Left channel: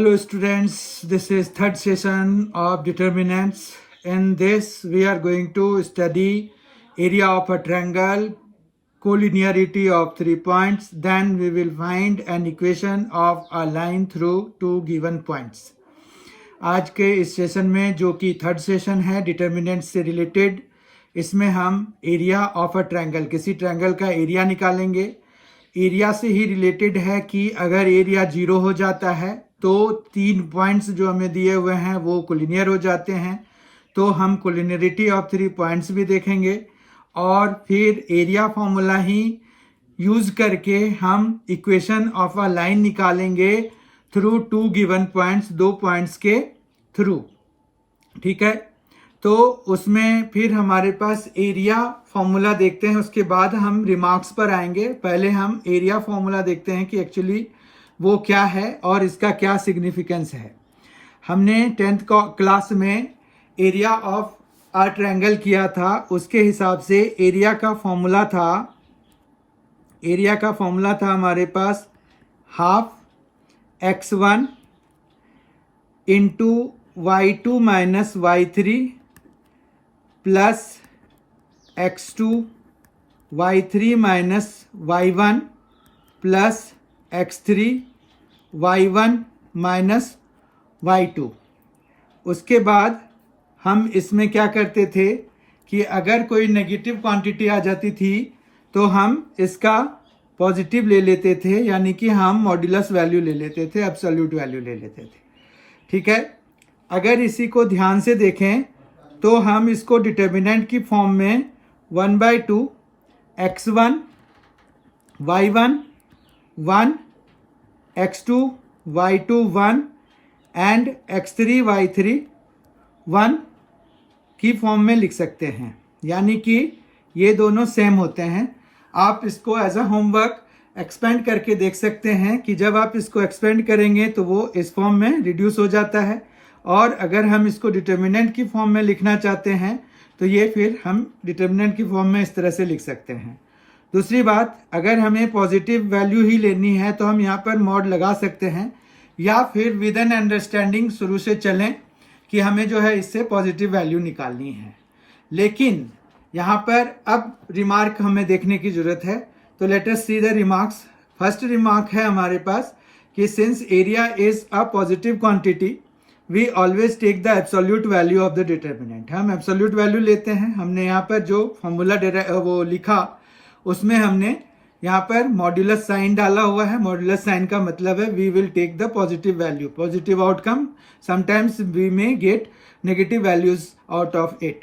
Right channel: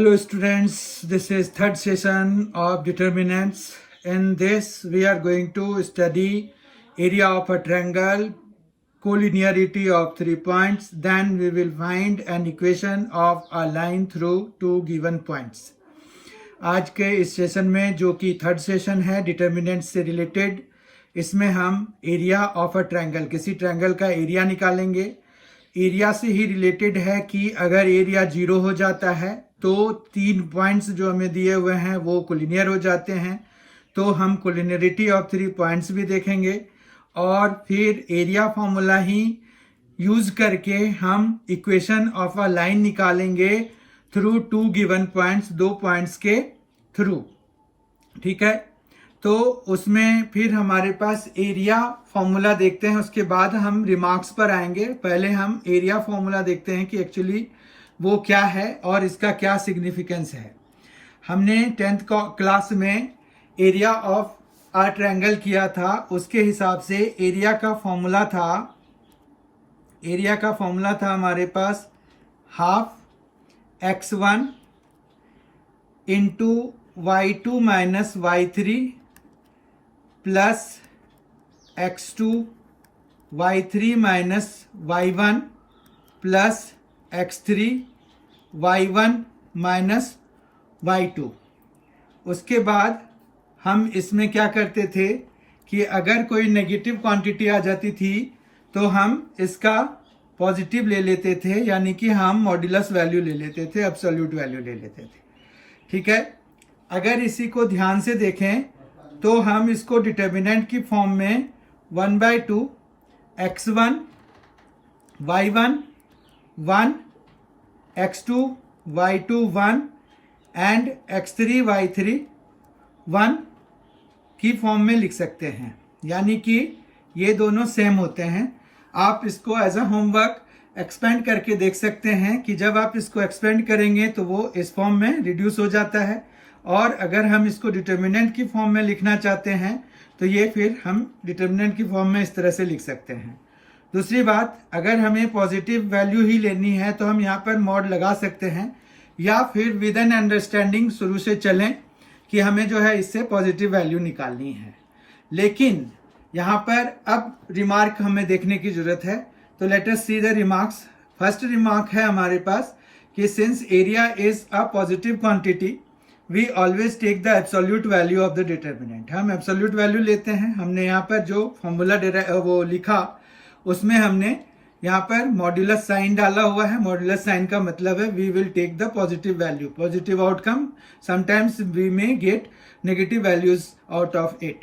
Hello students, this is third session of determinants. In this we are going to study area of a triangle, collinearity of 3 points, then we will find an equation of a line through two given points. आज के इस session में जो कि third session है determinant से related, इसमें हम एरिया ऑफ अ ट्रायंगल, किसी ट्रायंगल का एरिया निकालेंगे। एरिया से ही रिलेटेड है कि अगर एरिया 0 हो जाता है तो 3 पॉइंट्स जो हमें दिए हुए हैं वो कोलिनियर हो जाते हैं, तो हम कोलिनियरिटी ऑफ 3 पॉइंट्स भी देखेंगे और फिर एरिया फॉर्मूला ही यूज करके हम इक्वेशन ऑफ अ लाइन निकालेंगे through two given points, 2 points के थ्रू। ठीक है, तो उसमें फिर हमारे पास एरिया फॉर्मूला देखते हैं, उसके बाद हम रिमार्क्स पर आएंगे। पहले हम एरिया फॉर्मूला देखते हैं कि एक्चुअली वो क्या है और इसका क्या सिग्निफिकेंस है। हमने 10th क्लास में एरिया ऑफ अ ट्रायंगल किया था, उसके हिसाब से एरिया का फॉर्मूला था हमारे पास half x1 into y2 minus y3 plus x2 y3 minus y1 plus x3 y1 minus y2। उसके बाद हम इसमें क्या करते थे कि अगर कोई नेगेटिव क्वांटिटी आ जाती थी तो हम इसका पॉजिटिव ले लेते थे, यानी कि हम मॉड्यूलस वैल्यू ले लेते थे, एब्सोल्यूट वैल्यू ले लेते थे। ठीक है, अगर इसी को ध्यान से देखें तो हम इसको डिटर्मिनेंट की फॉर्म में 1/2 x1 y1 1 x2 y2 1 and x3 y3 1 की फॉर्म में लिख सकते हैं, यानी कि ये दोनों सेम होते हैं। आप इसको एज अ होमवर्क एक्सपेंड करके देख सकते हैं कि जब आप इसको एक्सपेंड करेंगे तो वो इस फॉर्म में रिड्यूस हो जाता है, और अगर हम इसको डिटर्मिनेंट की फॉर्म में लिखना चाहते हैं तो ये फिर हम डिटर्मिनेंट की फॉर्म में इस तरह से लिख सकते हैं। दूसरी बात, अगर हमें पॉजिटिव वैल्यू ही लेनी है तो हम यहाँ पर मॉड लगा सकते हैं, या फिर विद एन अंडरस्टैंडिंग शुरू से चलें कि हमें जो है इससे पॉजिटिव वैल्यू निकालनी है। लेकिन यहाँ पर अब रिमार्क हमें देखने की जरूरत है, तो let us see the remarks. First remark है हमारे पास कि since area is a positive quantity we always take the absolute value of the determinant. हम एब्सोल्यूट वैल्यू लेते हैं। हमने यहाँ पर जो फॉर्मूला वो लिखा उसमें हमने यहाँ पर मॉड्यूलस साइन डाला हुआ है। मॉड्यूलस साइन का मतलब है we will take the positive value, positive outcome. Sometimes we may get negative values out of it,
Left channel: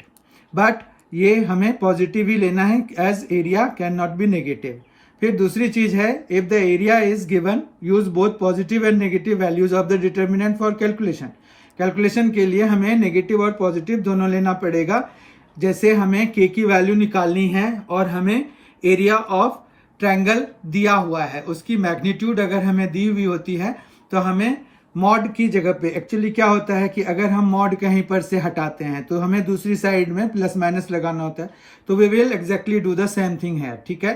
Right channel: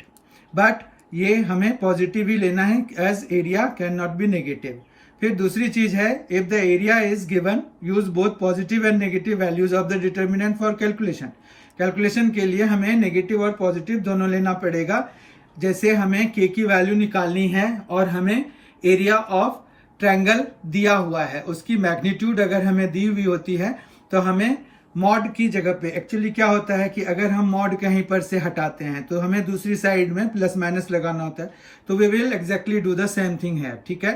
but ये हमें पॉजिटिव ही लेना है as area can not be negative. फिर दूसरी चीज है, if the area is given use both positive and negative values of the determinant for calculation. Calculation के लिए हमें नेगेटिव और पॉजिटिव दोनों लेना पड़ेगा। जैसे हमें के की वैल्यू निकालनी है और हमें एरिया ऑफ ट्रायंगल दिया हुआ है, उसकी मैग्नीट्यूड अगर हमें दी हुई होती है तो हमें मॉड की जगह पे, एक्चुअली क्या होता है कि अगर हम मॉड कहीं पर से हटाते हैं तो हमें दूसरी साइड में प्लस माइनस लगाना होता है, तो we will exactly do the same thing है। ठीक है,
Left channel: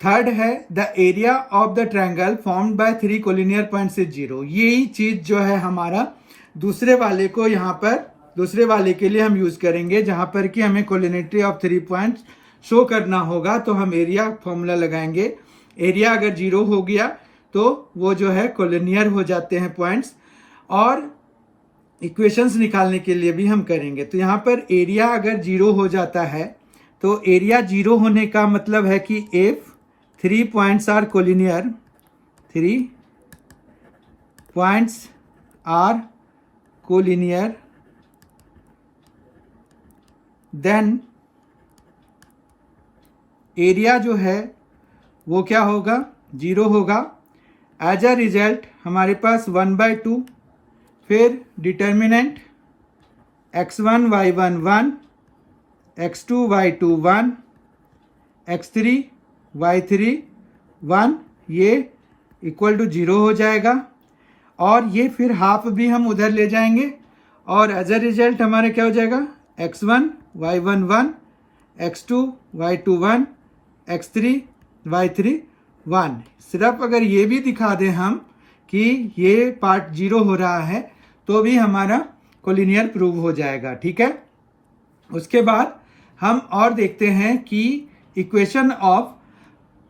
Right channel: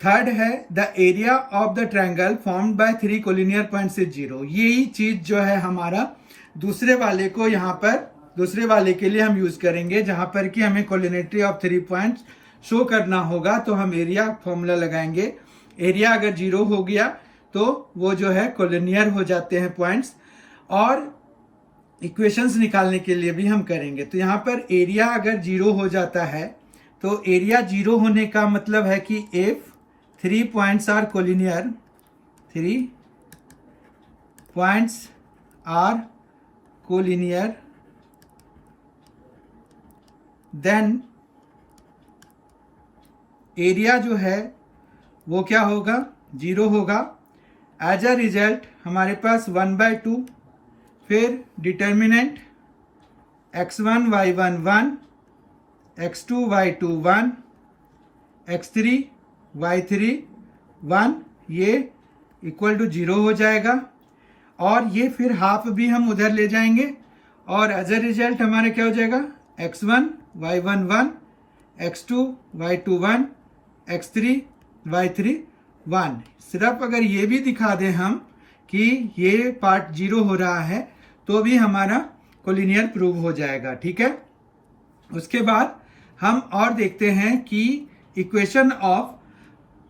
थर्ड है the area of the triangle formed by 3 collinear points is 0। यही चीज जो है हमारा दूसरे वाले को यहाँ पर दूसरे वाले के लिए हम यूज करेंगे, जहां पर कि हमें कोलिनियरिटी ऑफ 3 पॉइंट्स शो करना होगा, तो हम एरिया फॉर्मूला लगाएंगे। एरिया अगर 0 हो गया तो वो जो है कोलिनियर हो जाते हैं पॉइंट्स, और इक्वेशंस निकालने के लिए भी हम करेंगे। तो यहाँ पर एरिया अगर 0 हो जाता है तो एरिया 0 होने का मतलब है कि if 3 points are collinear, 3 points are collinear, then area जो है वो क्या होगा, 0 होगा। एज अ रिजल्ट हमारे पास 1/2, फिर determinant x1 y1 1, x2 y2 1, x3 y3 1, ये इक्वल टू 0 हो जाएगा, और ये फिर हाफ भी हम उधर ले जाएंगे, और एज अ रिजल्ट हमारे क्या हो जाएगा, x1 y1 1, x2 y2 1, x3 y3 1। सिर्फ अगर ये भी दिखा दें हम कि ये पार्ट 0 हो रहा है तो भी हमारा कोलिनियर प्रूव हो जाएगा। ठीक है, उसके बाद हम और देखते हैं कि equation of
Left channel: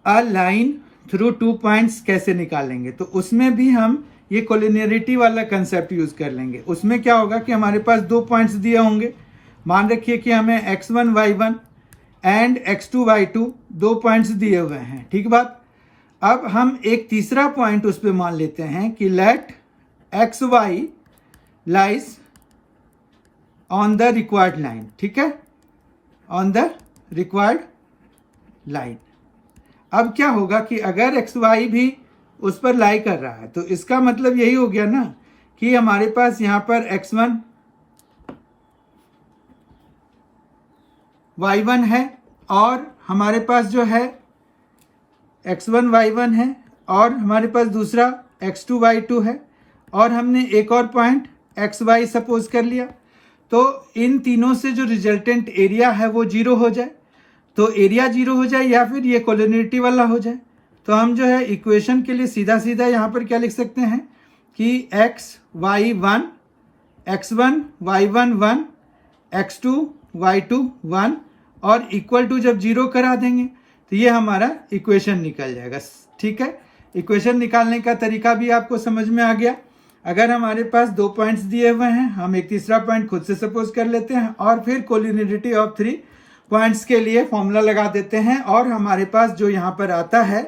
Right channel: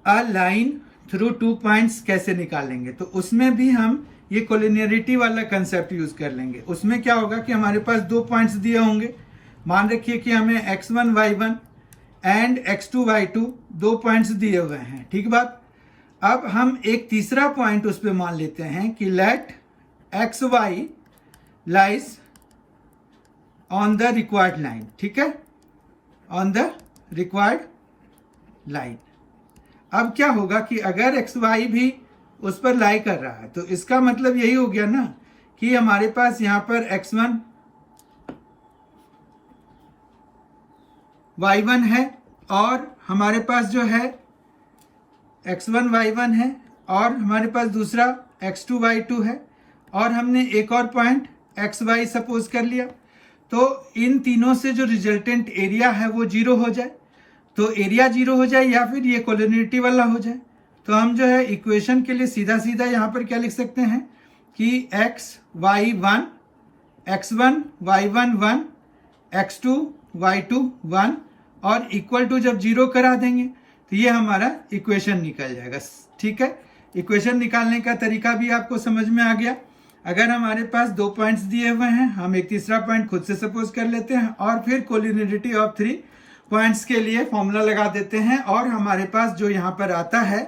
a line through 2 points कैसे निकालेंगे। तो उसमें भी हम ये कोलिनियरिटी वाला कंसेप्ट यूज कर लेंगे। उसमें क्या होगा कि हमारे पास 2 पॉइंट्स दिए होंगे, मान रखिए कि हमें x1 y1 and x2 y2 2 points दिए हुए हैं। ठीक बात। अब हम एक तीसरा पॉइंट उस पर मान लेते हैं कि let x y lies on the required line. ठीक है, ऑन द रिक्वायर्ड लाइन। अब क्या होगा कि अगर एक्स वाई भी उस पर लाई कर रहा है तो इसका मतलब यही हो गया ना कि हमारे पास यहां पर x1 y1 है और हमारे पास जो है x1 y1 है और हमारे पास दूसरा x2 y2 है और हमने एक और पॉइंट xy सपोज कर लिया। तो इन तीनों से जो रिजल्टेंट एरिया है वो 0 हो जाए, तो एरिया 0 हो जाए या फिर ये कोलिनियरिटी वाला हो जाए। तो हम जो है इक्वेशन के लिए सीधा सीधा यहाँ पर क्या लिख सकते हैं कि x1 y1 1 x2 y2 1 और इक्वल टू जब 0 करा देंगे तो ये हमारा इक्वेशन निकल जाएगा। ठीक है, इक्वेशन निकालने का तरीका भी आपको समझ में आ गया। अगर हमारे पास 2 पॉइंट्स दिए हुए हैं, हम एक तीसरा पॉइंट खुद से सपोज कर लेते हैं और फिर कोलिनियरिटी ऑफ 3 पॉइंट्स के लिए फॉर्मूला लगा देते हैं और हमारे पास जो यहाँ पर आता है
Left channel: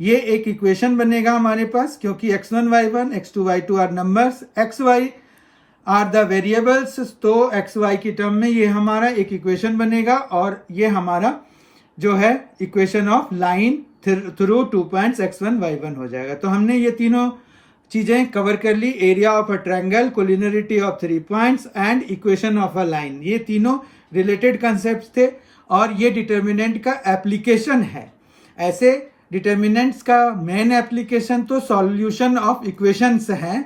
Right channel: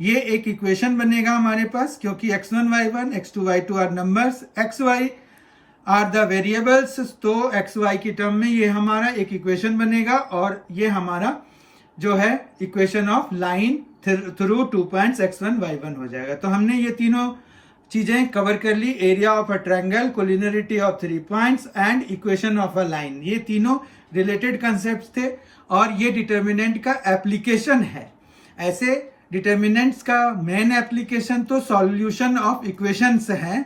ये एक इक्वेशन बनेगा हमारे पास, क्योंकि x1 y1 x2 y2 are numbers, xy are the variables. तो xy की टर्म में ये हमारा एक इक्वेशन बनेगा और ये हमारा जो है equation of line through 2 points x1 y1 हो जाएगा। तो हमने ये तीनों चीजें कवर कर ली, area of a triangle, collinearity of 3 points and equation of a line. ये तीनों रिलेटेड कंसेप्ट थे और ये डिटर्मिनेंट का एप्लीकेशन है। ऐसे डिटर्मिनेंट्स का मेन एप्लीकेशन तो सॉल्यूशन ऑफ इक्वेशंस है,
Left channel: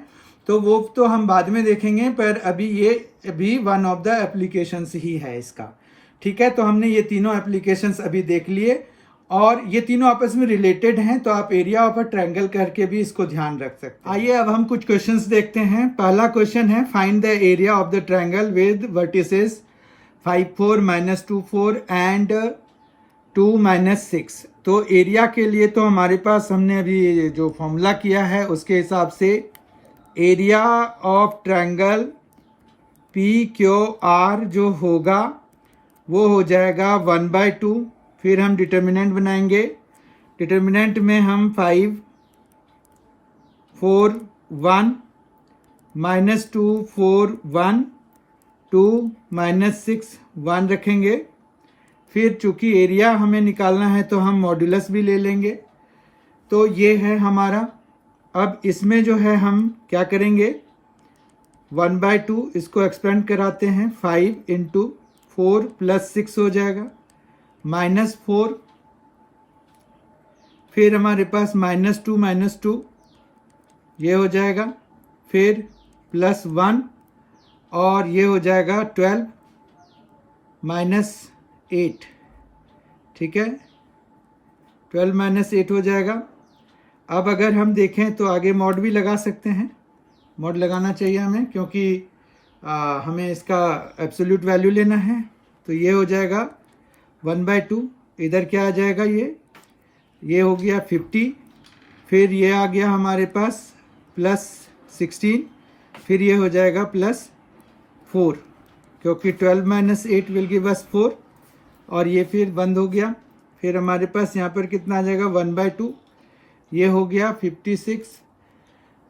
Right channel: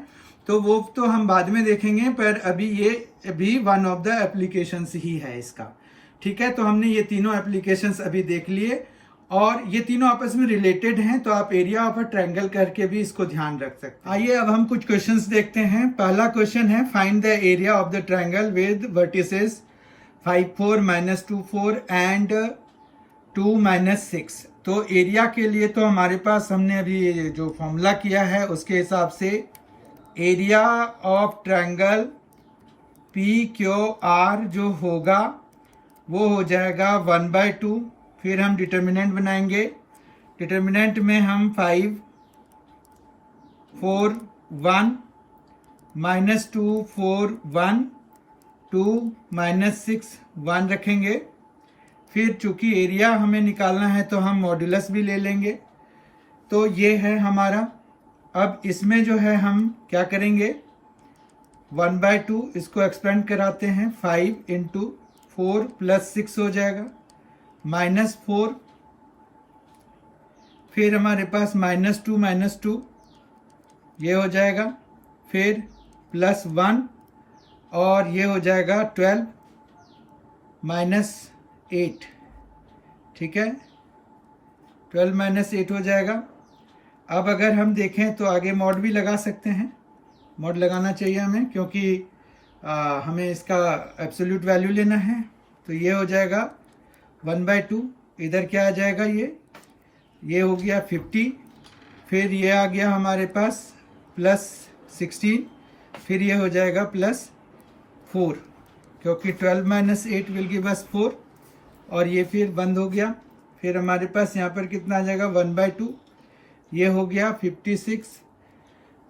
तो वो तो हम बाद में देखेंगे, पर अभी ये भी वन ऑफ द एप्लीकेशंस ही है इसका। ठीक है, तो हमने ये तीनों एप्लीकेशंस अभी देख लिए और ये तीनों आपस में रिलेटेड हैं, तो आप एरिया ऑफ अ ट्रायंगल करके भी इसको ध्यान रख सकते हैं। आइए अब हम कुछ क्वेश्चंस देखते हैं। पहला क्वेश्चन है find the area of the triangle with vertices 5 4 -2 4 and 2 -6। तो एरिया के लिए तो हमारे पास हमने अभी जो फॉर्मूला किया है उसके हिसाब से एरिया ऑफ ट्रायंगल PQR जो होगा वो हो जाएगा 1/2। फिर हम डिटर्मिनेंट बनाएंगे, डिटर्मिनेंट में हम 5 4 1 -2 4 1 2 -6 1 रखेंगे। फिर चूंकि एरिया हमें निकालना है तो हम मॉड्यूलस भी ले लेंगे। तो ये है हमारा। अब इसमें जो है हम क्या करेंगे, 1/2 इसको एक्सपेंड कराते हैं, 5 × 4 + 6 हो जाएगा, -4। फिर हमारे पास -2 -2 ये हो जाएगा, फिर +1 और ये हो जाएगा 12 -8। ठीक है, 12 -8 हो जाएगा। अब अगर हम देखें तो आगे मॉड भी लगा सकते हैं, मॉड लगाना चाहिए हमें, क्योंकि हमें इसका एब्सोल्यूट वैल्यू लेना है। तो ये हो जाएगा 1/2, इधर क्या आ जाएगा, ये हो गया 50। फिर ये आ गया हमारे पास +16, फिर ये हो जाएगा +4, क्योंकि 12 - 8 विल गिव अस 4 और ये फिर बंद हो गया। फिर हमारे पास यहाँ पर कितना आ जाएगा, 1/2, ये हो गया 56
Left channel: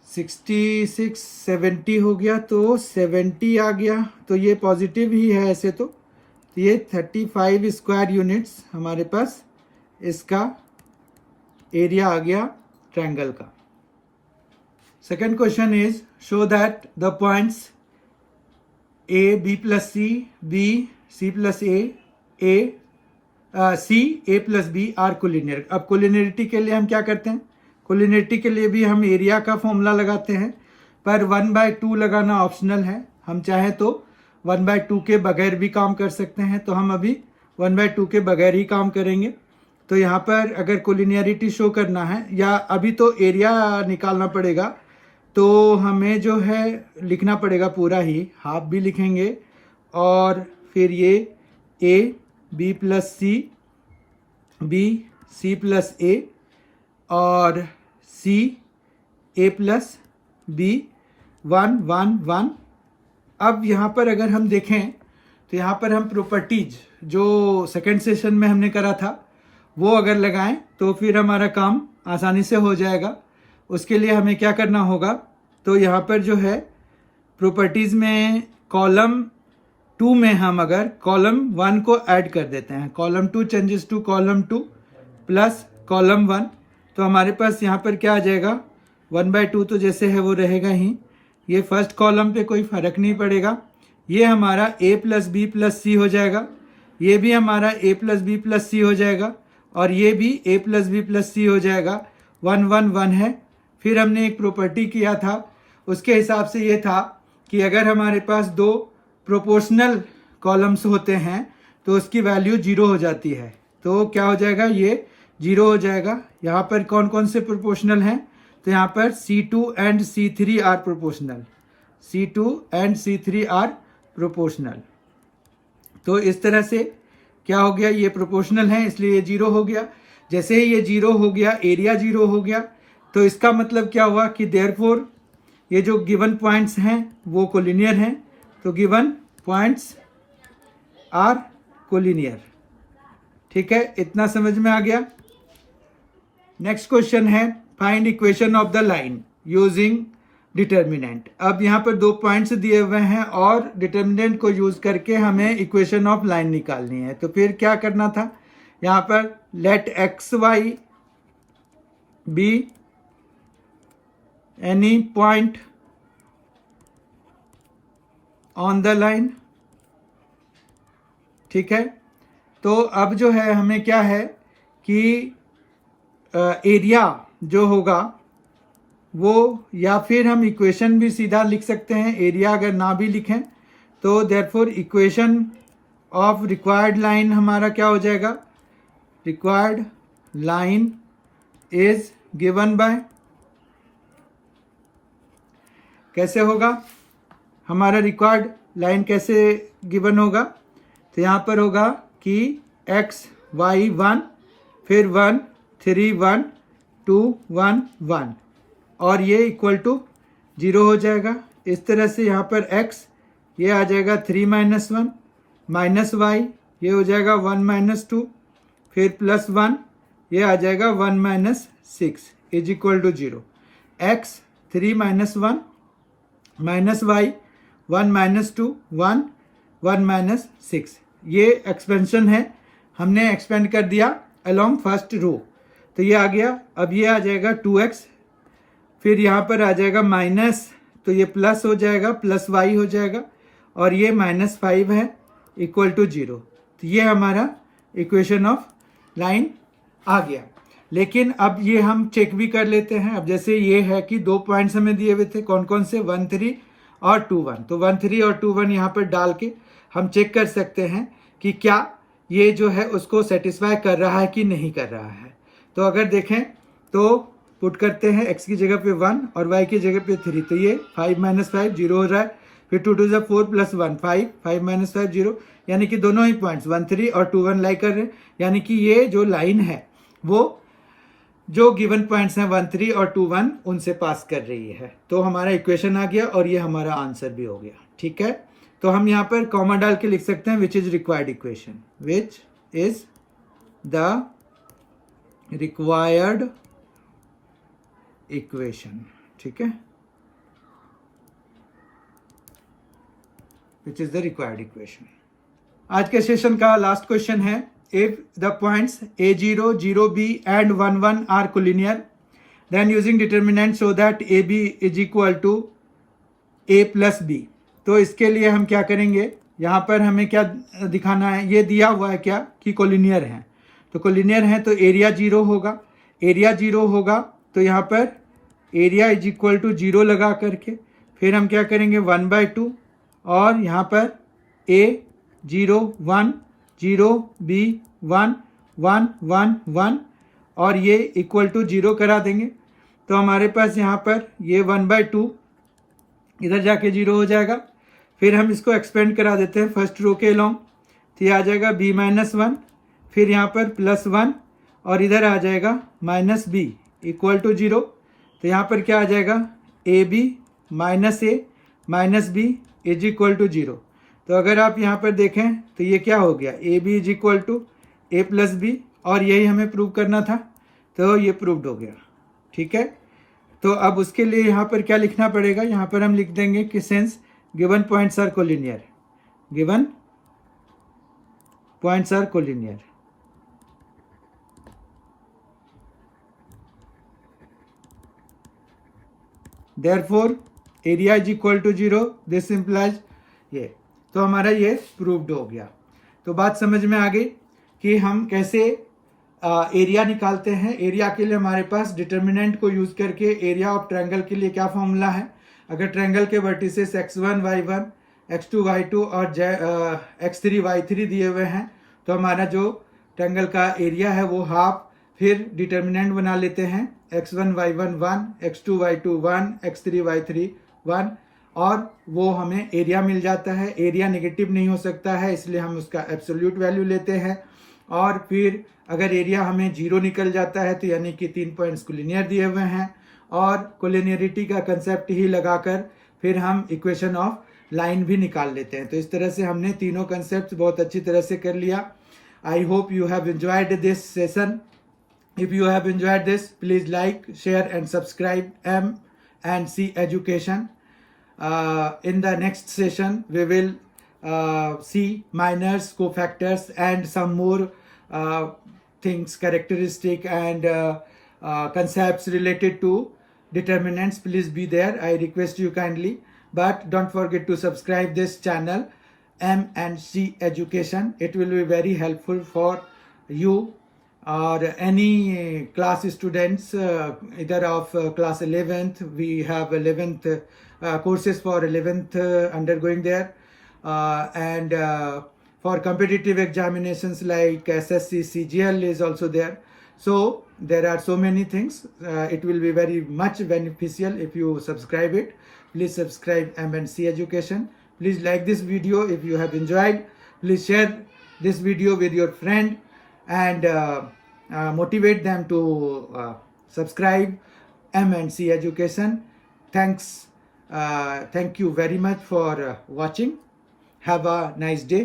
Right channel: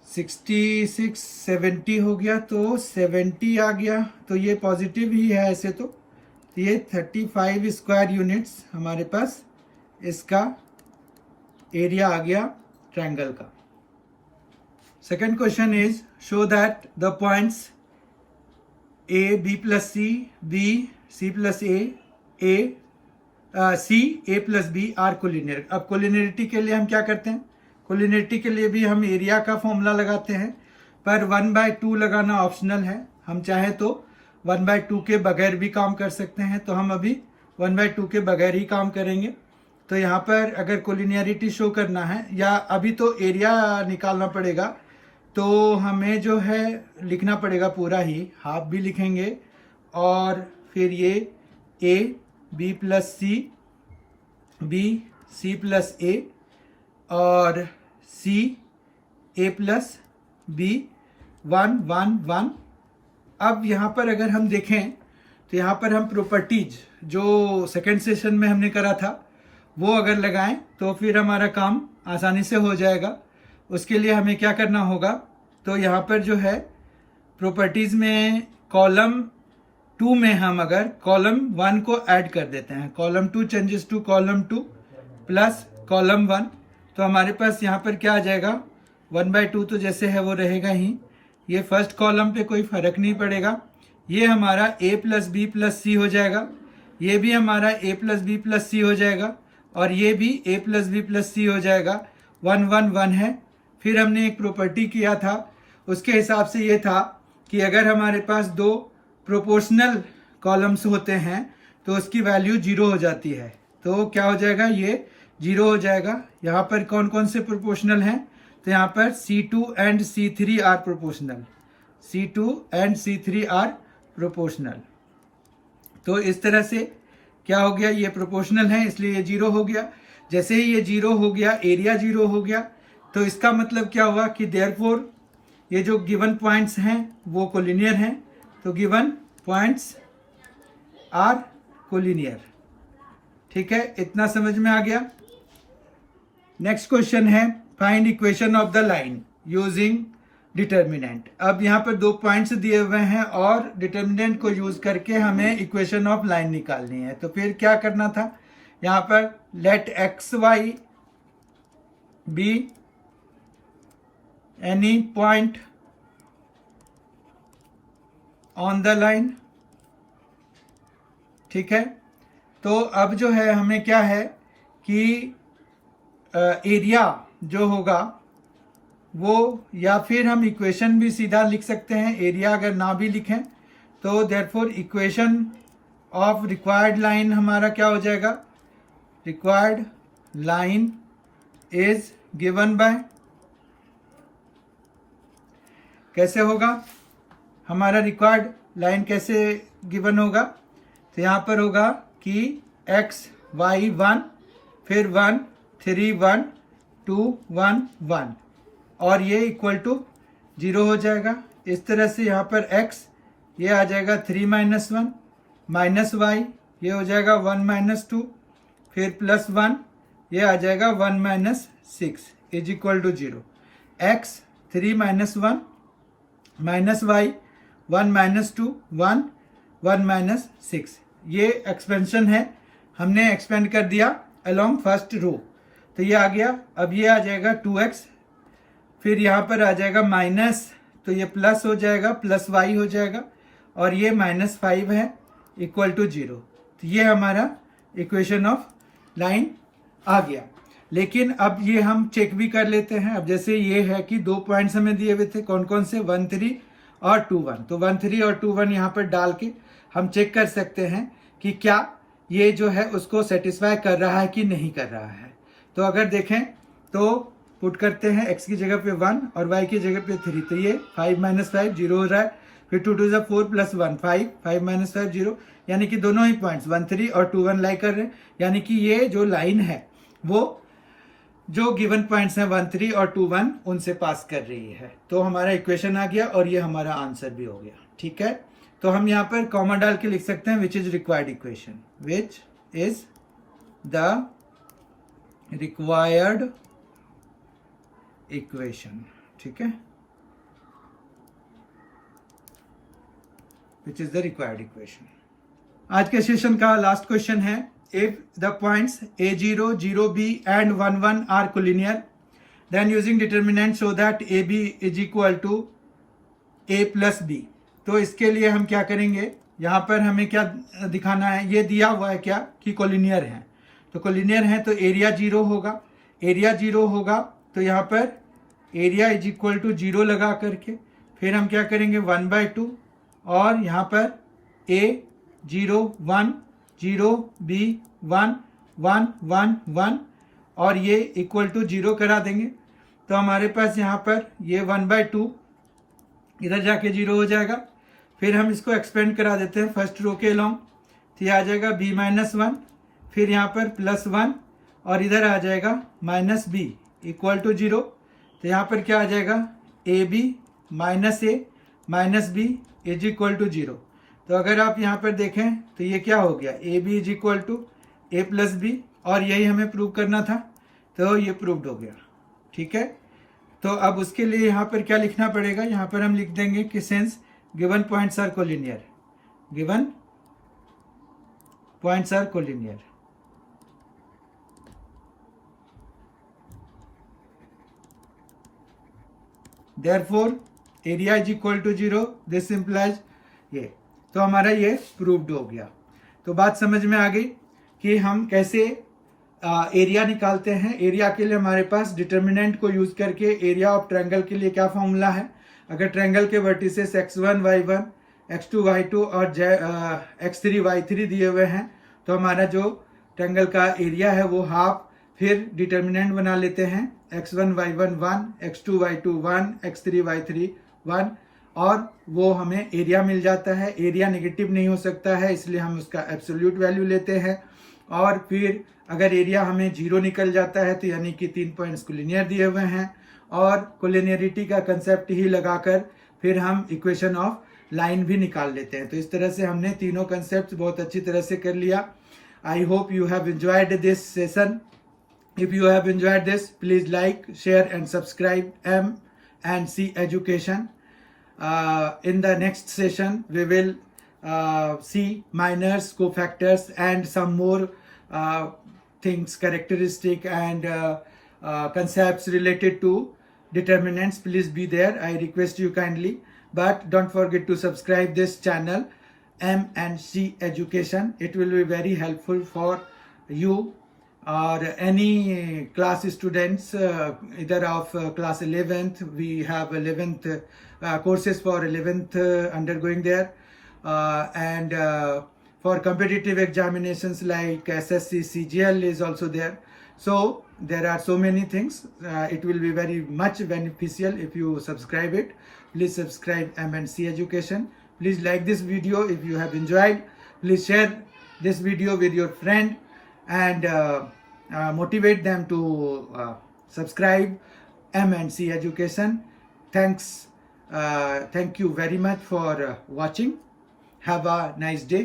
66 70 हो गया, तो 70 आ गया। तो ये पॉजिटिव ही है ऐसे तो ये 35 स्क्वायर यूनिट्स हमारे पास इसका एरिया आ गया ट्रायंगल का। Second question is show that the points A B + C B C + A C A + B are collinear. अब कोलिनियरिटी के लिए हम क्या करते हैं, कोलिनियरिटी के लिए भी हम एरिया का फॉर्मूला लगाते हैं, पर 1/2 लगाना ऑप्शनल है। हम चाहें तो 1/2 के बगैर भी काम कर सकते हैं, तो हम अभी 1/2 के बगैर ही काम करेंगे। तो यहाँ पर अगर कोलिनियरिटी शो करना है या अभी तो एरिया निकालना पड़ेगा, तो हमें जो है लिखना पड़ेगा पूरा ही, हाफ भी लिखेंगे और फिर ये A B plus C, B C plus A और सी ए प्लस बी, 1 1 1। अब यहाँ पर अगर हम देखें तो यहाँ पर हम प्रॉपर्टीज जो सेकंड सेशन में हमने करा था वो अगर लगाएं तो फिर हमारा काम आसानी से हो जाएगा। उसके लिए हमें क्या करना होगा, तो यहाँ पर जो है प्रॉपर्टीज में कॉलम 2 में हम अगर कॉलम 1 को ऐड कर देते हैं, column 2 changes to column 2 plus column 1, तो हमारे पास यहाँ पर क्या आ जाएगा, 1/2 तो जैसे है वो रहेगा ही। ये फर्स्ट कॉलम पे कोई फर्क नहीं पड़ेगा। ये हमारा a प्लस बी प्लस सी हो जाएगा, ये भी हमारा a प्लस बी प्लस सी हो जाएगा और ये भी a प्लस बी प्लस सी हो जाएगा। 1 1 1 है। फिर हमने एक प्रॉपर्टी किया था, उसके हिसाब से ये था कि अगर हमारे पास दो प्रोपोर्शनल कॉलम्स होते हैं तो उसकी वैल्यू 0 हो जाती है। तो क्या हो जाएगा, ये 0 हो जाएगा। यहाँ पर कौन कौन से प्रोपोर्शनल हैं, तो यहाँ पर C2 and C3 are proportional, C2 and C3 are proportional. तो इस तरह से क्या हो गया, ये प्रोपोर्शनल है इसलिए ये 0 हो गया। जैसे ही ये 0 हो गया, एरिया 0 हो गया, तो इसका मतलब क्या हुआ कि देयरफॉर ये जो गिवन पॉइंट्स हैं वो कोलिनियर हैं। तो गिवन पॉइंट्स आर कोलिनियर। ठीक है, इतना समझ में आ गया। नेक्स्ट क्वेश्चन है find equation of the line using determinant. अब यहाँ पर 2 पॉइंट्स दिए हुए हैं और डिटर्मिनेंट को यूज करके हमें इक्वेशन ऑफ लाइन निकालनी है। तो फिर क्या करना था, यहाँ पर let x y be any point on the line. ठीक है, तो अब जो है हमें क्या है कि एरिया जो होगा वो, या फिर हम इक्वेशन भी सीधा लिख सकते हैं, एरिया अगर ना भी लिखें तो therefore equation of required line हमारा क्या हो जाएगा, required line is given by, कैसे होगा हमारा रिक्वायर्ड लाइन कैसे गिवन होगा, तो यहाँ पर होगा कि x y 1 फिर 1 3 1 2 1 1 और ये इक्वल टू 0 हो जाएगा। इस तरह से यहाँ पर x ये आ जाएगा 3 - 1 माइनस y ये हो जाएगा 1 - 2 फिर प्लस 1 ये आ जाएगा 1 - 6 is equal to 0। x 3 - 1 minus y 1 - 2 1 1 - 6, ये एक्सपेंशन है, हमने एक्सपेंड कर दिया अलोंग फर्स्ट रो, तो ये आ गया। अब ये आ जाएगा 2x, फिर यहाँ पर आ जाएगा माइनस, तो ये प्लस हो जाएगा, प्लस y हो जाएगा और ये -5 है इक्वल टू 0। तो ये हमारा इक्वेशन ऑफ लाइन आ गया। लेकिन अब ये हम चेक भी कर लेते हैं। अब जैसे ये है कि 2 पॉइंट्स हमें दिए हुए थे, कौन कौन से, 1 3 और 2 1, तो 1 3 और 2 1 यहाँ पर डाल के हम चेक कर सकते हैं कि क्या ये जो है उसको सेटिस्फाई कर रहा है कि नहीं कर रहा है। तो अगर देखें तो पुट करते हैं x की जगह पे 1 और y की जगह पे 3, तो ये 5 - 5 0 हो रहा है, फिर 2 2 4 प्लस 1 5 5 - 5 0, यानी कि दोनों ही पॉइंट्स 1 3 और 2 1 लाई कर रहे हैं, यानी कि ये जो लाइन है वो जो गिवन पॉइंट्स हैं 1 3 और 2 1 उनसे पास कर रही है। तो हमारा इक्वेशन आ गया और ये हमारा आंसर भी हो गया। ठीक है, तो हम यहाँ पर कॉमा डाल के लिख सकते हैं which is required equation, which is the required equation. ठीक है, which is the required equation. आज के सेशन का लास्ट क्वेश्चन है, if the points a0 0b and 1 1 are collinear then using determinant show that ab is equal to a plus b। तो इसके लिए हम क्या करेंगे, यहाँ पर हमें क्या दिखाना है, ये दिया हुआ है क्या कि कोलिनियर है, तो कोलिनियर है तो एरिया 0 होगा, एरिया 0 होगा तो यहाँ पर एरिया इज इक्वल टू 0 लगा करके फिर हम क्या करेंगे 1/2 और यहाँ पर a 0 1 0 b 1 1 1 1 और ये इक्वल टू 0 करा देंगे। तो हमारे पास यहाँ पर ये 1/2 इधर जाके 0 हो जाएगा। फिर हम इसको एक्सपेंड करा देते हैं फर्स्ट रो के अलोंग, तो ये आ जाएगा b-1, फिर यहाँ पर +1 और इधर आ जाएगा -b इक्वल टू 0। तो यहाँ पर क्या आ जाएगा, ab - a - b is equal to 0। तो अगर आप यहाँ पर देखें तो ये क्या हो गया, ab is equal to a + b, और यही हमें प्रूव करना था, तो ये प्रूव्ड हो गया। ठीक है, तो अब उसके लिए यहाँ पर क्या लिखना पड़ेगा, यहाँ पर हम लिख देंगे कि since given points are collinear, given points are collinear, therefore area is equal to 0, this implies ये। तो हमारा ये प्रूव्ड हो गया। तो बात समझ में आ गई कि हम कैसे एरिया निकालते हैं। एरिया के लिए हमारे पास डिटर्मिनेंट को यूज करके एरिया ऑफ ट्रायंगल के लिए क्या फॉर्मूला है, अगर ट्रायंगल के vertices x1 y1 x2 y2 और x3 y3 दिए हुए हैं, तो हमारा जो ट्रायंगल का एरिया है वो हाफ, फिर डिटर्मिनेंट बना लेते हैं x1 y1 1 x2 y2 1 x3 y3 1, और वो हमें एरिया मिल जाता है। एरिया नेगेटिव नहीं हो सकता है, इसलिए हम उसका एब्सोल्यूट वैल्यू लेते हैं। और फिर अगर एरिया हमें 0 निकल जाता है तो यानी कि 3 पॉइंट्स कोलिनियर दिए हुए हैं, और कोलिनियरिटी का कंसेप्ट ही लगाकर फिर हम इक्वेशन ऑफ लाइन भी निकाल लेते हैं। तो इस तरह से हमने तीनों कंसेप्ट बहुत अच्छी तरह से कर लिया। I hope you have enjoyed this session. If you have enjoyed this, please like, share and subscribe M&C Education. In the next session we will see minors, cofactors and some more things, characteristic and concepts related to determinants. Please be there, I request you kindly. But don't forget to subscribe this channel M&C Education. It will be very helpful for you or any class students, either of class 11th. We have 11th courses for 11th undergoing there, and for competitive examinations like SSC, CGL is also there. So there are so many things. It will be very much beneficial if you subscribe it. Please subscribe M&C Education. Please like this video if you have enjoyed. Please share this video with your friend and motivate them to subscribe M&C Education. Thank you very much for watching. Have a nice day.